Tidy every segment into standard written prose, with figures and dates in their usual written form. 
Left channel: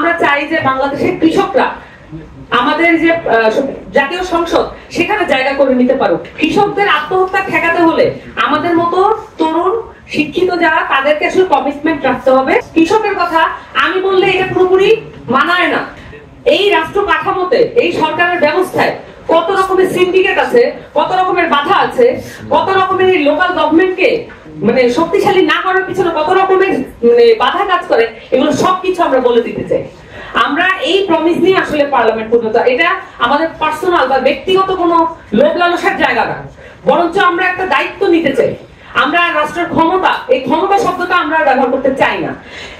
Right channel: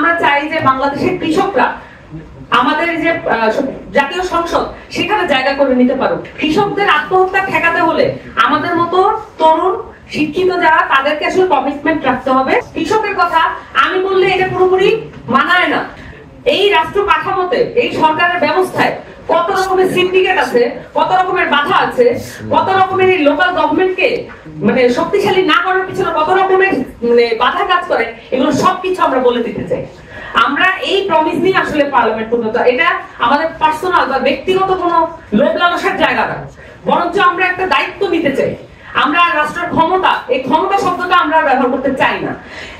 আমরা চাই যে বাংলাদেশের কৃষকরা আমাদের যে জাতীয় সংসদ সেখানে জায়গা করে নিতে পারুক। কৃষকদের আত্মহত্যা ঠেকাতে হলে আমাদের মতো তরুণ শিক্ষিত যারা তাদেরকে আসলে কমিটমেন্ট রাখতে হবে। কৃষকের কথা আমি বললে এটা পুরোপুরি মানায় না। এই রাষ্ট্র কাঠামোতে এই সরকারের ব্যবস্থায় কত রকমের সিন্ডিকেট আছে, কত রকমের বাধা আছে, কত রকমের এই লোকাল গভর্নমেন্টকে মানে শক্তিশালী না করার পিছনে কত রকমের বাধা কাজ করে, এগুলো সবকিছু আমরা বলে দিতে চাই। আমরা এই প্রমিস নিয়ে আসলে পার্লামেন্ট পর্যন্ত, এটা আমাদের পার্সোনাল বা ব্যক্তিগত কোনো লোভ লালসার জায়গা না, বরঞ্চ আমরা একটা দায়িত্ব নিতে চাই। আমরা রাষ্ট্রের ক্ষমতা, এই ক্ষমতা শব্দটা আমরা ব্যবহার করতে চাই না।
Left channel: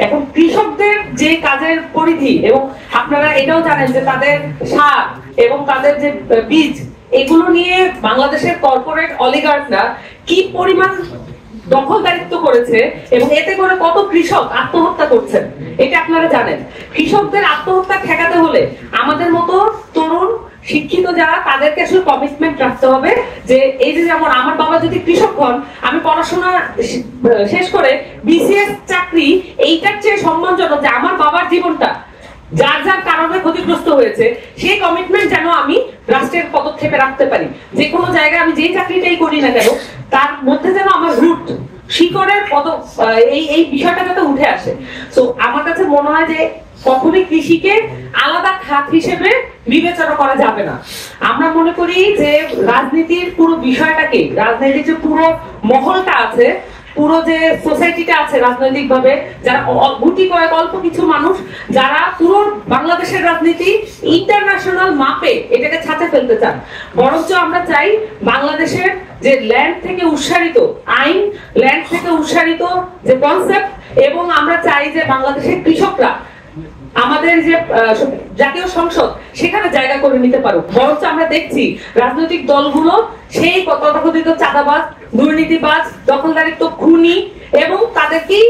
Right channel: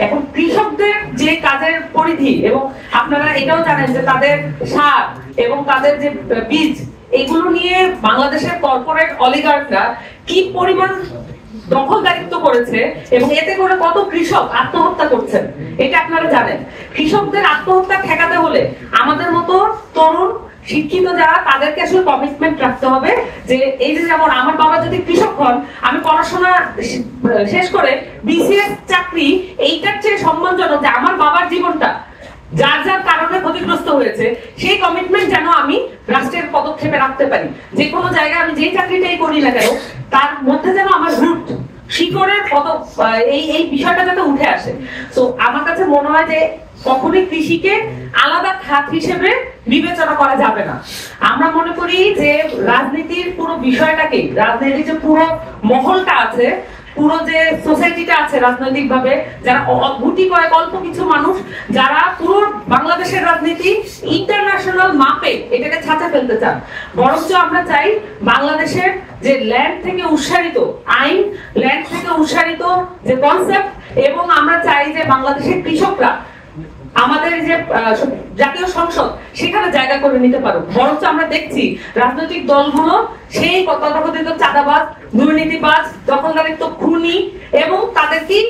এখন কৃষকদের যে কাজের পরিধি, এবং আপনারা এটাও জানেন যে তাদের সার এবং তাদের যে বীজ, এগুলো নিয়ে বাংলাদেশের কর্পোরেট অলিগার্করা কি পরিমাণ দখলদারিত্ব করেছে এবং এতে করে কত কৃষক আত্মহত্যা করছেন, এটা আপনারা জানেন। কৃষকদের আত্মহত্যা ঠেকাতে হলে আমাদের মতো তরুণ শিক্ষিত যারা তাদেরকে আসলে কমিটমেন্ট রাখতে হবে যে এই যে যেমন আমার বাবা যদি কৃষক হন, আমি পড়াশোনা শেষ করে বিসিএস চাকরি এইটার চেয়ে সম্মানজনক যে আমার বাবার জীবনটা যার যার কারণে ক্ষতিগ্রস্ত হয়েছে সেই কমিটমেন্ট যেন আমি রাষ্ট্রের পদক্ষেপে রাখতে পারি। যে কোনো জায়গায় আমি যে চাকরিটাই করি না কেন তার মধ্যে যেন আমার রুট শিকড়ের এই বিষয়টা যাতে উঠে আসে। তো আমার কাছে মনে হয় যে কখনোই কৃষিকে আলাদা খাত হিসেবে বিবেচনা করা যাবে না। আমরা মনে করি যে রাজনীতির পুরো বিষয়টাকে, রাজনীতির যে পুরো মহলটা আছে, পুরো যে সোসাইটিটা আছে রাজনৈতিক ভাবে, যারা গুটি কয়েক অল্প কিছু মানুষ যারা পুরো বাংলাদেশের রাজনীতি ইন্টারন্যাশনাল মাপে এটাকে ছাঁচে ফেলতে চান, বরঞ্চ আমরা চাই বাংলাদেশের যে ল্যান্ড থেকে উৎসারিত আইন, ল্যান্ড থেকে উৎসারিত যে কনসেপ্ট, এবং আমরা চাই যে বাংলাদেশের কৃষকরা আমাদের যে জাতীয় সংসদ সেখানে জায়গা করে নিতে পারুক। বরঞ্চ আমরা দেখছি রাজনৈতিক দলগুলো সেই তথাকথিত চাঁদাবাজ, দুর্নীতিবাজ, দখলদারিত্ব, খুনি এবং তাদেরকেই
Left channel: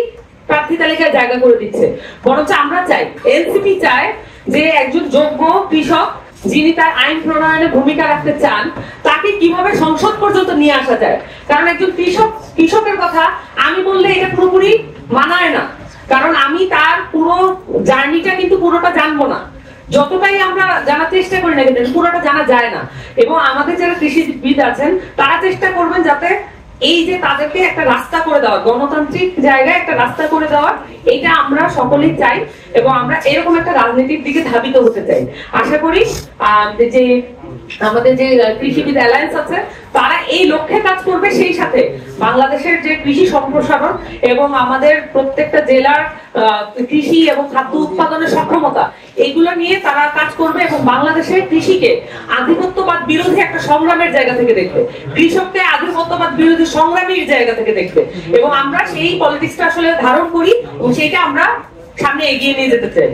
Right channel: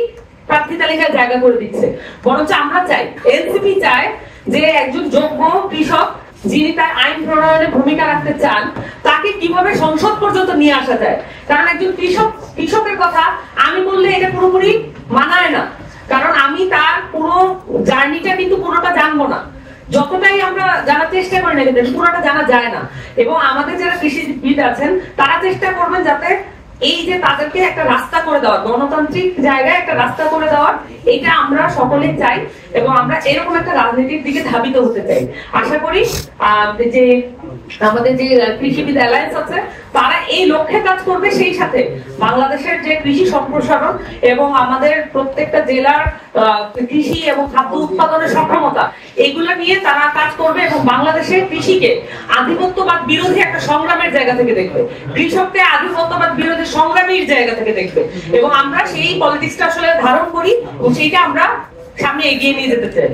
প্রার্থী তালিকায় জায়গা করে দিচ্ছে। বরঞ্চ আমরা চাই, এনসিপি চায় যে একজন যোগ্য কৃষক যিনি তার আইন প্রণয়নে ভূমিকা রাখতে চান তাকে কিভাবে সংসদ পর্যন্ত নিয়ে আসা যায়। কারণ একজন কৃষকের কথা আমি বললে এটা পুরোপুরি মানায় না, কারণ আমি তার পুরো জার্নিটা কিন্তু পুরোটা জানবো না। যতটাই আমরা জানার চেষ্টা করি না কিন্তু পুরোটা জানা যায় না। এবং আমাদের যারা কৃষিবিদ আছেন তারা চেষ্টা করবেন যাতে এই যে তাদেরকে একটা রাস্তা করে দেওয়ার, গণতান্ত্রিক জায়গায় একটা রাস্তা করে দেওয়ার, এটা আমরা সকলেই চাই এবং আমরা এরকম একটা রাজনীতির দিকে ধাবিত হতে চাই। আশা করি যে আমাদের যে কৃষিবিদ অ্যালায়েন্স আছে তারা এই লক্ষ্যে কাজ করবে, সেই সাথে বাংলাদেশের যে কৃষি সম্প্রসারণ এবং আমাদের প্রত্যেকটা জেলার কৃষি এবং খাদ্য উৎপাদনের সক্ষমতা, এগুলো নিয়ে তারা কাজ করবে এবং বাংলাদেশের কৃষিকে আধিপত্যবাদ বিরোধী একটা সংগ্রামের জায়গা থেকে দেখবে, কৃষককে আধিপত্যবাদ বিরোধী সংগ্রামীর জায়গা থেকে দেখবে। এবং আমরা সেই পলিটিক্সটা আসলে ধারণ করি এবং সেইটা আমরা সামনে এগিয়ে নিয়ে যেতে চাই।